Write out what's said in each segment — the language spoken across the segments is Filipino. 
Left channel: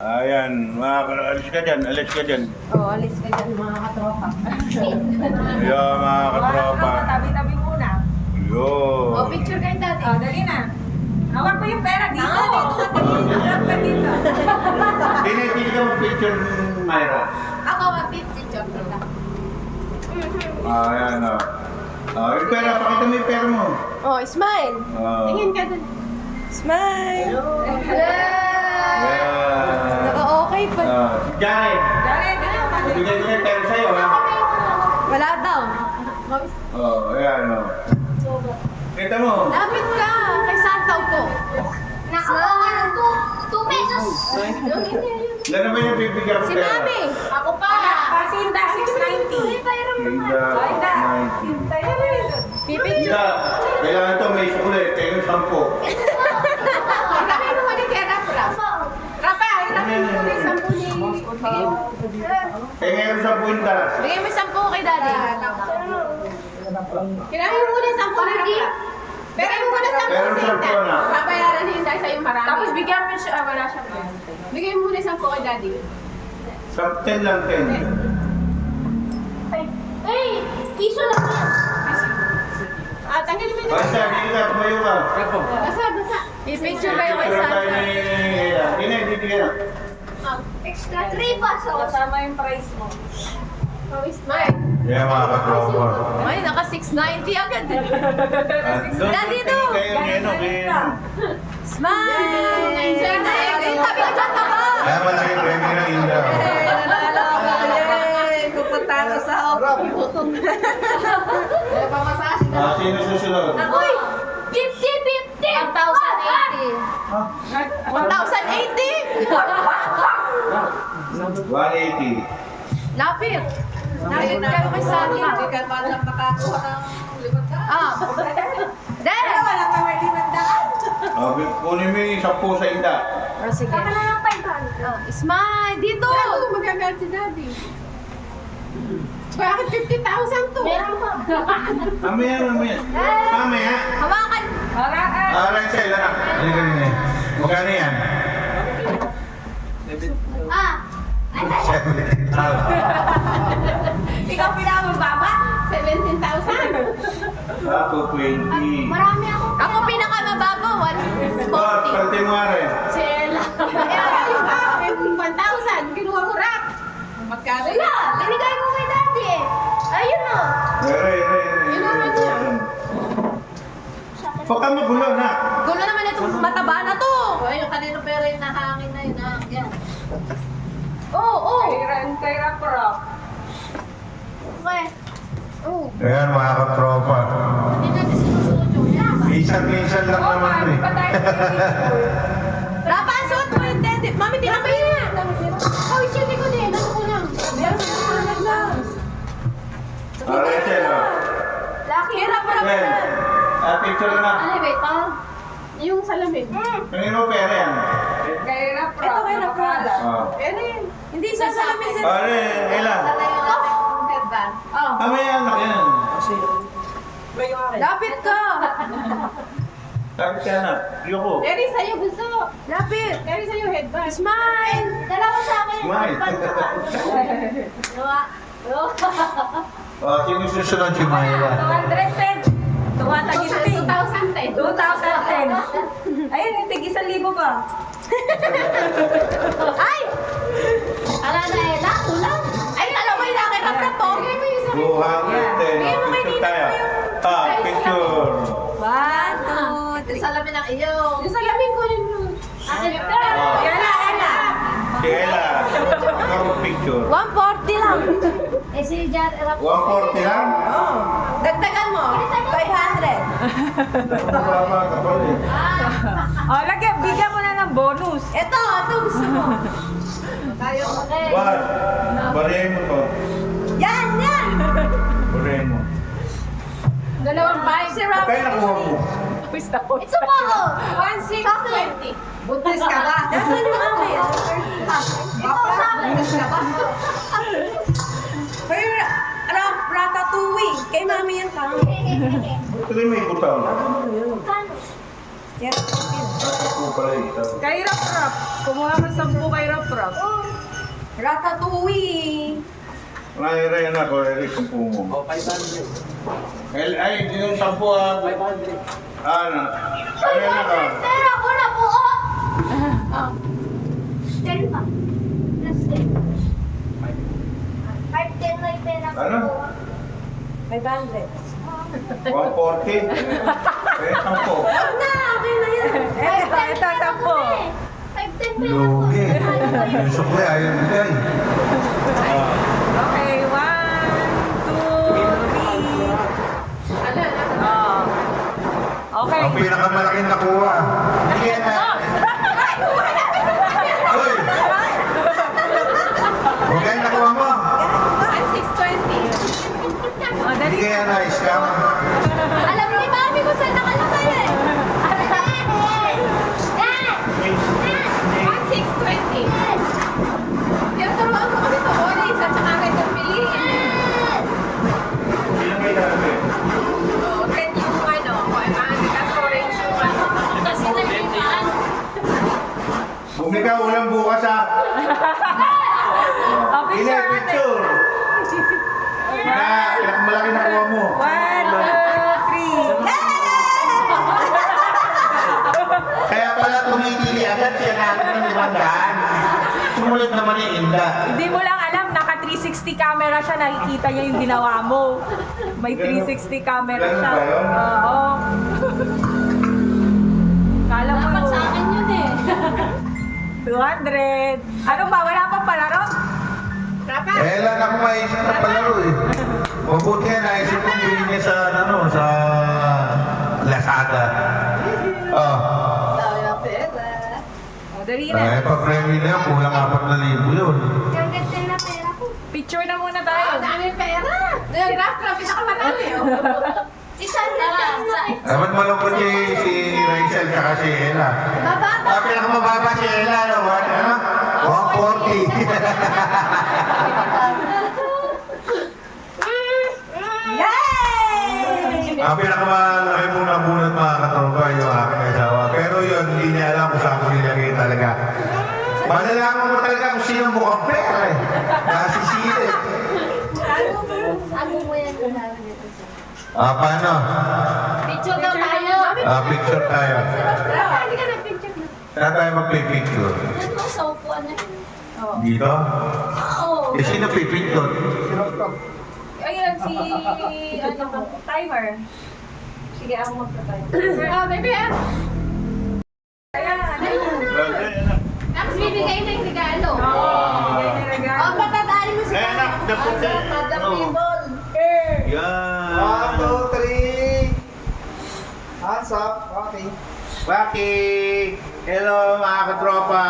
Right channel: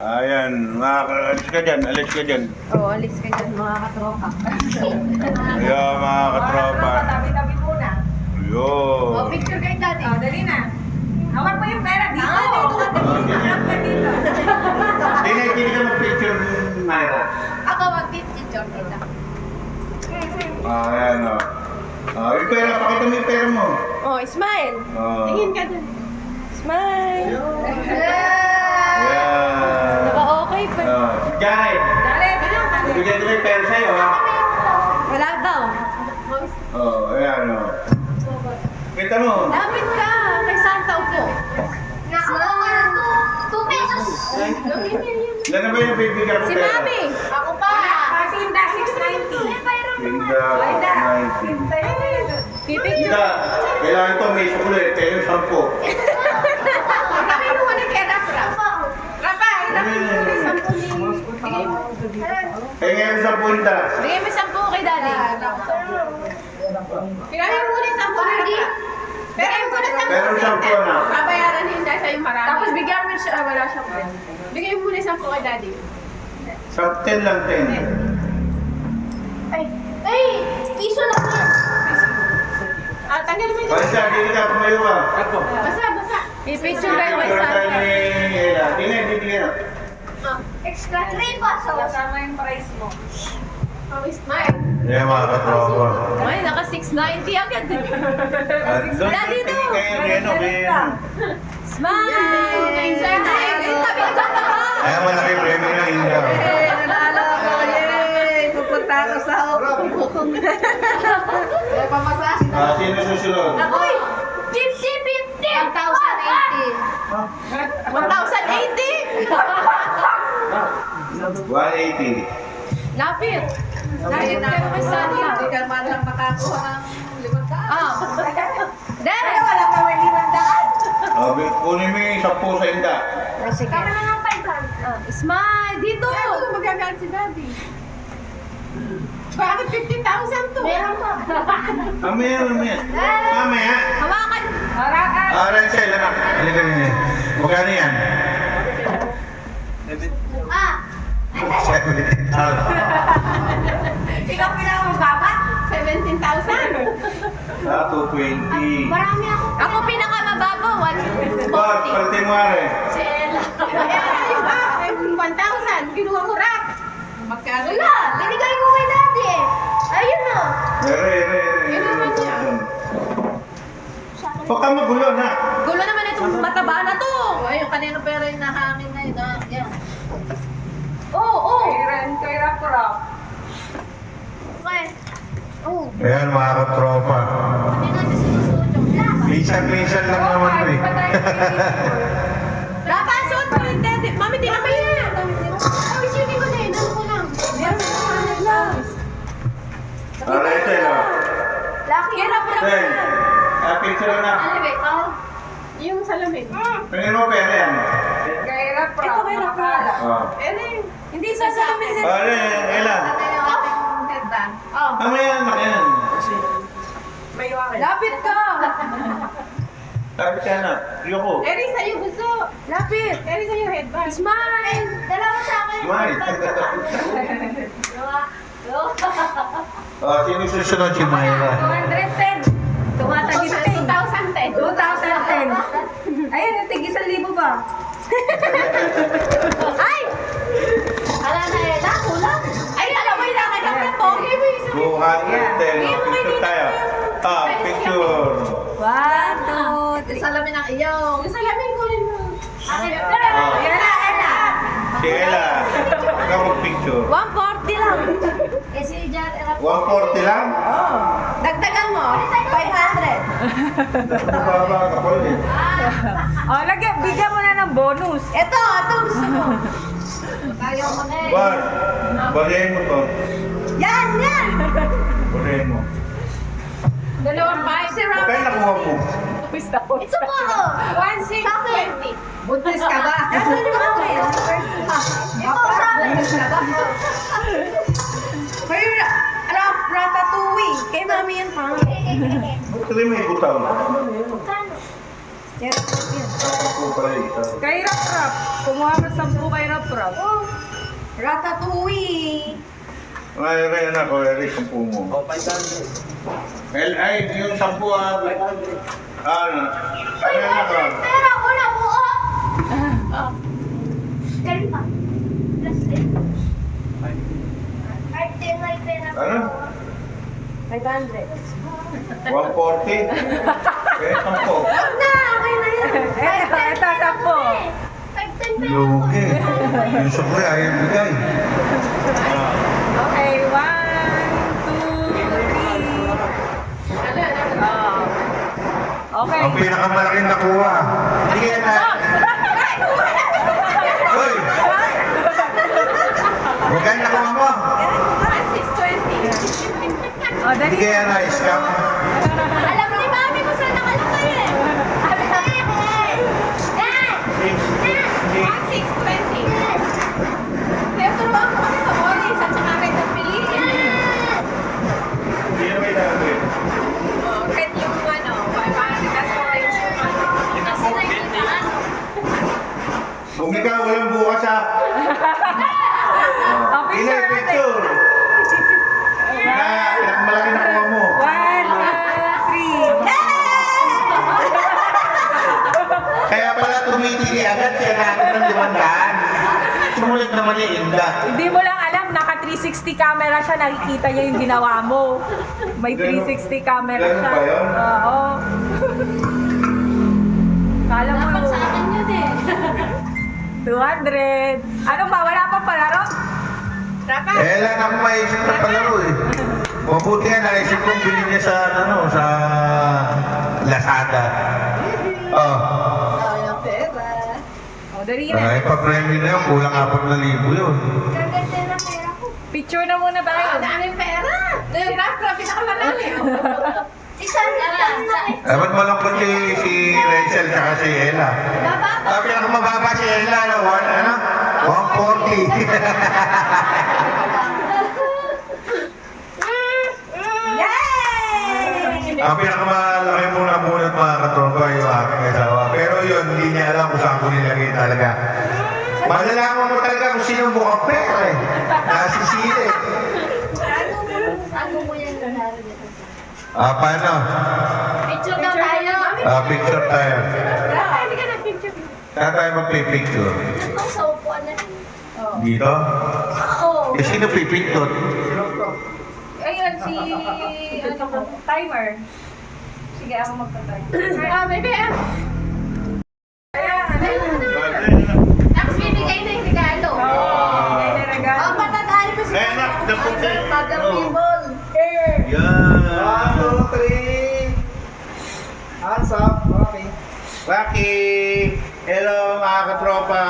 Ayan, alis ka dyan, alis ka dyan. Oo, alis ka dyan mga katropa. Ayan, mga katropa. Tabi-tabi muna. Ayun. O, picture kayo dati. Dali na. Hawak mo yung pera dito. Dito ka dito. Hawak ka dito. Hindi ka mag-picture, Myra. Ako, mag-picture kita. Ayan, o. Yung pera, pakita mo yung pera mo. Oh, smile. Tingin ka dun. Smile. Ayan. Naka-okay pa. Si Jared. Bigay ko yung pera sa'yo, ha? Wala daw. Ayan, o. Kita mo. Lapit ka. Kay Santa upo. Smile. 2 pesos. Ilan na ba yung bibigyan ko Si pera? Mami. Ako pa. Pasinda, 690. Linda, 90. Pipicture. Linda, kailangan ito may sukli. Kaya yung 10. Kami mo muna kaya Rapa. Rapa, hirap mo muna yung 10. Kaya ngayon sa punta. Bigay mo 10 kay Daddy. Kirahin mo muna yung 10 ni Rapa. Bigay mo muna 10. Pero 10 na. Babayaran ni Inday sa'yo marami. Tapos bigyan mo siya, wala siya po. Bigay mo muna yung 10 kay Daddy. 10 lang, 10. Ay, piso lang yan. Tanggalin mo yung... Basta, hindi ka, tumayo ka. Basa. Pipicture kayo kay Picture tayo Santa. ni Ella. Hindi ka. Extra 3 pesos. Kasama yung price mo. Smile. Yeah, mga katropa. Ay, naka 690 agad. Daddy, Daddy no. Kayo, kayo. Smile. Ay, tabi ka dyan, taka. Ayan, wala kayo premyo na Linda. Pupunta ako sa Sino susunod? Uy, 50, 50. 1,080. 180. Lapit. Lapit kayo kay Santa. Hindi ka man lang makakuha ng 500. Ah. Then. Wala ka may 500. Kunin mo yung 10 sa Inda. Oh, sige. Tama na ng 500. Smile. Dito. Ano magagalit si Daddy? Bakit 50,000 to? Meron pa. Mamaya. Hawakan. Rachel, ano ganyan? Magkano yan? Ah, 17,000. Ikaw pinakamababa? 17,000. 220. marami ako. Ako pinakamababa. Ba't 140. pati mo rin? Si Ella. Ayun ba? 1,000. Kinuha ko rak. Magkano? Wala, binigay ko kay Daddy eh. Ayun o. Inuman niya. Huwag ka magulo na. Gulo naman itong mataba na to. Yung kanino pera yung nahangin na yun. Yan. Oo. Kay Rap. Okay. Oh. Ayan mga katropa. Hindi na sinusuot yung glass. Minsan lang naman ito eh. Rapa, suot mo yung dede. Mami, tinan mo yun. Ay, sige ko din. Ano ko lang? Meron sa mga lang. Rachel, Lucky. Hirap Hey, na. picture na. Ano ba ito? Yung salamin. Tingin mo pera yan. Kay Rap. Ito kay Rap. Ere. Hindi sasalamin sa... Pare, Ella. Headband. Oh. Mamaya na yan. May wari. Lapit ka. Tapos ka na. Yoko. Eri sa'yo gusto. Lapit. Eri sa'yo headband. Smile. Dalawa sa akin yung Smile. headband naman. Dalawa. Sino susunod si Myra? 210. Tumatagip ka eh. 2010. Ayun, natig 1,000 ba? Ay! Ala na Ella, kulang. Ay, dalawa yung nakita na po. 210. Picture tayo. Picture. 1, 2, 3. Salamin ang iyaw. Yung salamin ko yun. Yan na, Ella. Si Ella. Ikaw mag-picture. 140 lang. Eh si Jan, 140 lang? Oo. Dagdagan mo. 500. Mababa ka pa ulit. Lagyan, bigyan mo na ng bonus. Ito gusto mo. Tayo. Bar. Barihin mo to. Yan. Barihin mo. Dalawang 5. Si Rap. Kaya nakuha mo. Ito po ako. 1,620. Buntis ka ba? Nasaan yung mami? Ito sa akin. Kay Ratatouille. Kay mami yan pa. Ito rin may butang. Kano? Yan. Ako pala isa. Kay Rap Rap. Kumuha ka 10 kay Rap Rap. Oh, ratatouille. Ay, anak ko, Eric, ang pumo. O, 500. Ay, yung 10 ah. 500. Ano? Ay, anak ko. Pera ko na po. Oh. 10 pa. Plus 10. 5-10 may pera ko. Ano? 500. 140. Eh, 10. Wag na, okay na yan. Ito, 10. 5-10 pera ko. Lugi. Yung sukle, ayaw bigay. Ah. Okay, 1, 2, 3. Oh. Okay. Ang pinakamalaki na nakuha. Hindi yan na. Hoy! Magkano nakuha mo? 1,620. Oh, dali. Hindi yan na scam. Alam ni Mami kung saan nakalagay. Yan! 1,620. Kaya turuan mo kami sa Olis at saka may piliin. Hindi na may dami. Oh, red yung ano, tas orange yung ano. Bumika, walang bukas ah. Oh, Hindi, picture natin. picture. Na, pinakamalaki na kuha mo. 1, 2, 3. Kaya pala tumitili agad, kailangan ng 500. Sulit naman yung Inda. Hindi mo lang alam, naka 360 camera siya, nakikita niya yung ginawa mo. May 360 camera Ganun siya. ba yun? Oo. Kala mo, Dapat sa akin yun eh. 200. Ano ba, wala pang palaro? Rapa. Eh, lang ako maisip na palaro eh. Mabuti yan, naisip kong bilhin niya sa, ano, sa Lazada. Oh. Dami ng pera. O, dali na. Ay, pag-premyo na yun, kulang 4,000 yun. Gaganda na pera ko. Picture na muna tayo. Ang daming pera. Yung rap, pinakamarami. Isa na lang na eh. Ay, ba't malungkot si Rachel tsaka si Ella? Bababa. Ah, pinakamababa si Ella, ano? 140. Yay! Ang pinakamalaki mong napunat mga katropa yung aking asawa. Pero yun, hindi niya alam kung saan ko nilagay talaga. Malalaman mo talaga kung sinong bukang pera eh. Nasisili. Ano mo yan kung sabi dito? Ah, paano? Picture daw tayo. Ah, picture tayo. Rapa, hindi ka nag-picture. Saan tayo mag-picture? Dito sa upuan na. Dito? Oo. Eh, sino pipindot? Ayun, si... ano, timer. Sige, ako magta-timer. Ah, baby, ah. Tapos bibigay na yung regalo. Oh, patadaan mo Eh, anak, dapat ka. Table. Yan. 1, 2, 3. Hands up. Okay. Waki! Hello mga katropa!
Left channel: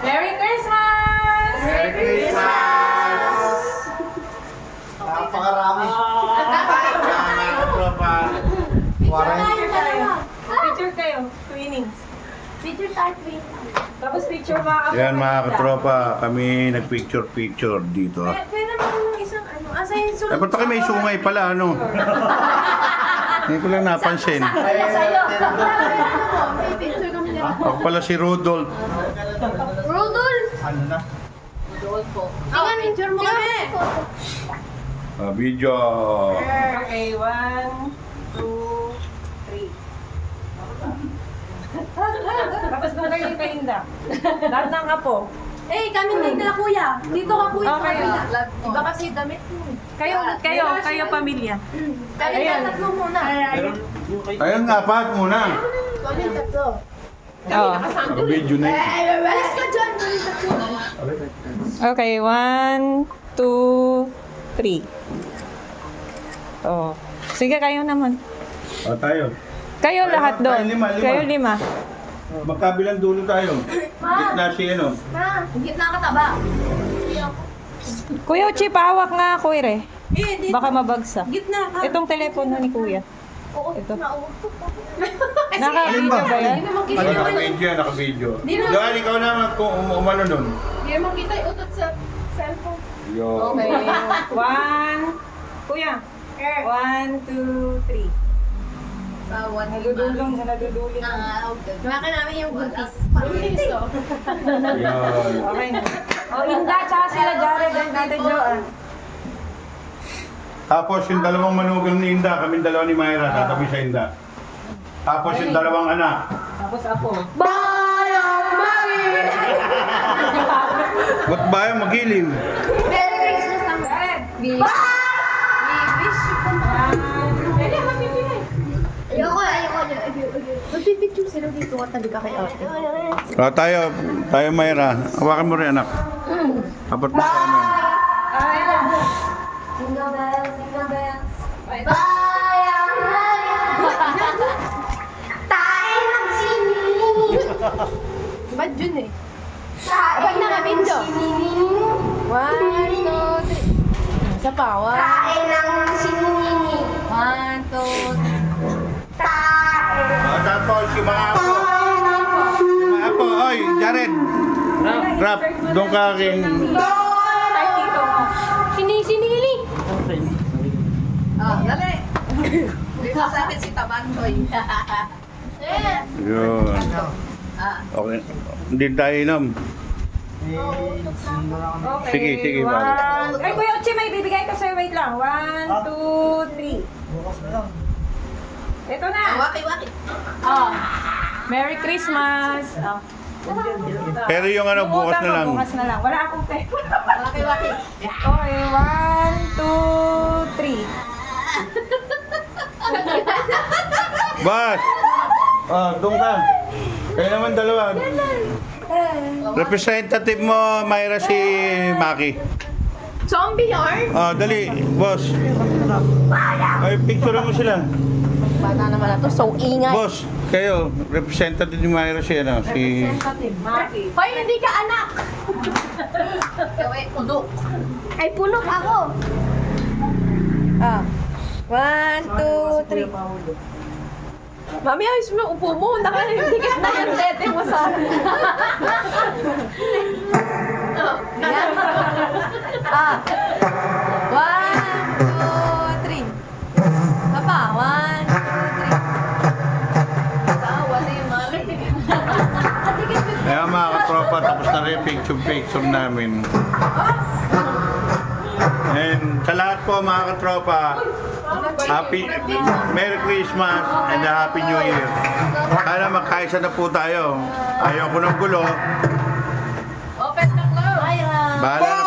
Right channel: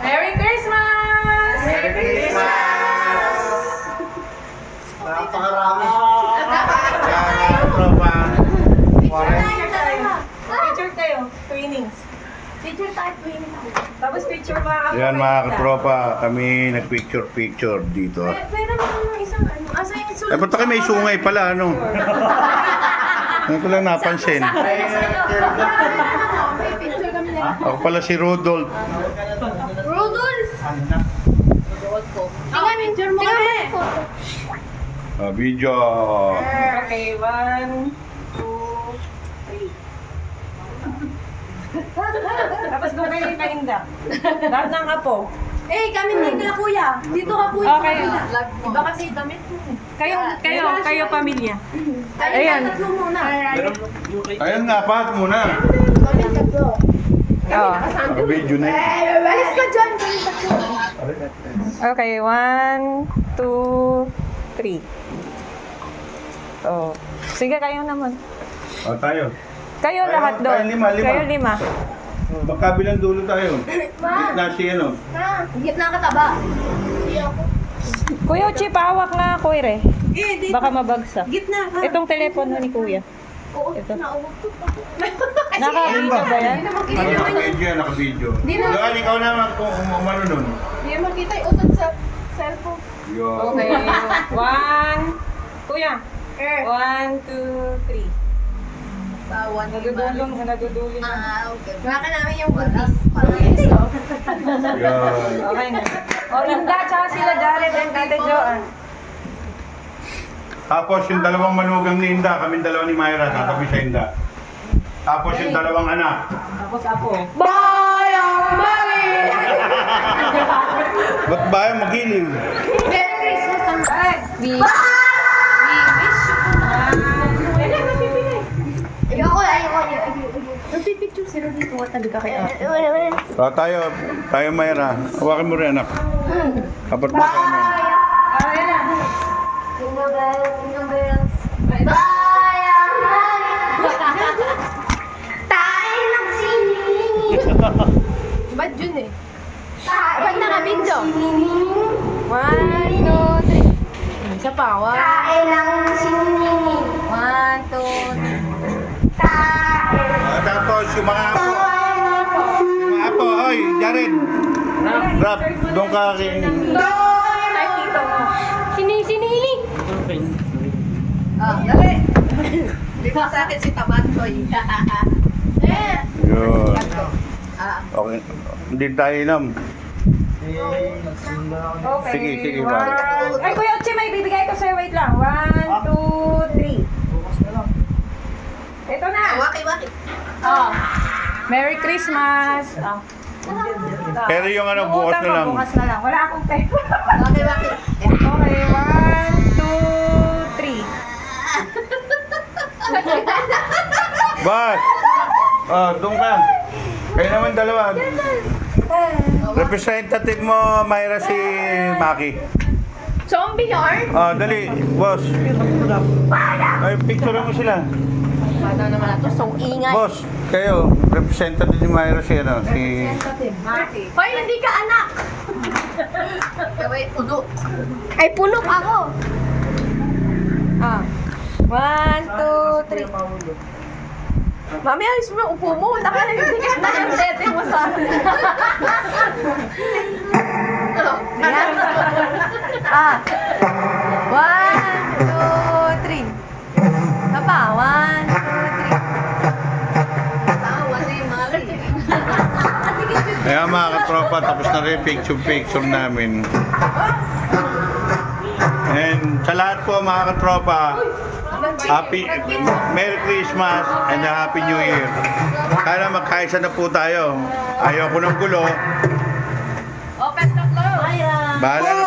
Merry Christmas! Merry Christmas! Napakarami. Yan mga katropa! Picture tayo. Picture tayo, twinnings. Picture tayo. Twin. Tapos picture mga Yan mga katropa, kami nag-picture dito. Pwede naman ng isang ano. Asa yung sulat? Eh, ba't kayo may sungay pala, ano? Ngayon ko lang napansin. May picture kami na. Ako pala si Rudolph. Rudolph! Ano na? Oh, picture mo kami. Video. Okay, 1, 2, 3. Tapos kung kayo yung pahinda. Lahat ng apo. Eh, kami din nila kuya. Dito ka kuya. Okay. Iba kasi damit mo. Kayo pamilya. Kami Ayan. na tatlo muna. Ayun nga, pahat muna. Kami tatlo. Oh. Naka-video na yun. Alis ka dyan. Kami tatlo. Okay, 1, 2, 3. Oh. Sige, kayo naman. O, tayo. Kayo Tayo, lahat tayo, doon. lima. Kayo 5. Magkabilang dulo tayo. Na si ano. Ma, gitna ka taba. Kuya Uchi, pahawak nga, Kuya. Eh, dito. Baka mabagsak. Gitna ka. Itong telepono ni Kuya. Oo, Ito. nauutot ako. Naka-video ba yan? Hindi na makita Ano, yung naka-video, naka-video. Di na- Yan, ikaw naman kung umano nun. Hindi na makita yung utot sa cellphone. Yo. Okay. 1, Kuya. 1, 2, 3. Bawat Nadudulong. Baka namin yung buntis. Yun. Okay na. O, Inda, tsaka sila Jared and Tita Joan. Tapos yung dalawang manugang ni Inda, kami dalawa ni Myra, tatabi sa Inda. Tapos yung dalawang anak. Tapos ako. Bayang Mari! Ba't ba yung magiling? Merry Christmas naman. We wish you po na. Mapipinay. Ayoko. Nagpipicture sila dito. Tabi ka kay ate. Tayo Myra, hawakan mo rin anak. Kapat mo ka naman. Jingle bells, jingle bells. Bye. Tayo ng siniling. Ba't yun eh? Ba't naka-video? 1, 2, 3. Isa pa. Tayo ng siniling. 1, 2, 3. Tayo. Tapos yung mga apo. Yung mga apo, oy, Jared. Rap, doon ka rin. Ay, tito mo. Sinili! Oh, dali! Dito sa akin si Tabantoy. Yun. Ah. Okay. Hindi tayo inam. Okay. Sige, sige, One. bakit? Ay, Kuya Uchi, may bibigay ko sa'yo. Wait lang. 1, 2, 3. Bukas na lang. Ito na. Waki-waki. Oh. Merry Christmas. Oh. Pero yung ano, bukas na lang. Bukas na lang. Wala akong pera. Waki-waki. Okay, 1, 2, 3. Bas! Doon ka. Kayo naman dalawa. Representative mo, Myra, si Maki. Zombie Lord? Dali, boss. Ay, picture mo sila. Bata naman na to. So, ingay. Boss, kayo, representative ni Myra si, Maki. Hoy, hindi ka anak! Kaway, udok. Ay, punok ako. 1, 2, 3. Mami, ayos mo yung upo mo. Nakahigit na yung tete mo sa akin. Ayan. 1, 2, 3. Papa, 1, 2, 3. Sawa na yung mami. Kaya mga katropa, tapos na rin picture namin. And sa lahat po mga katropa, Merry Christmas and a Happy New Year. Kaya magkaisa na po tayo. Ayaw ko ng gulo. Open the close. Bahala na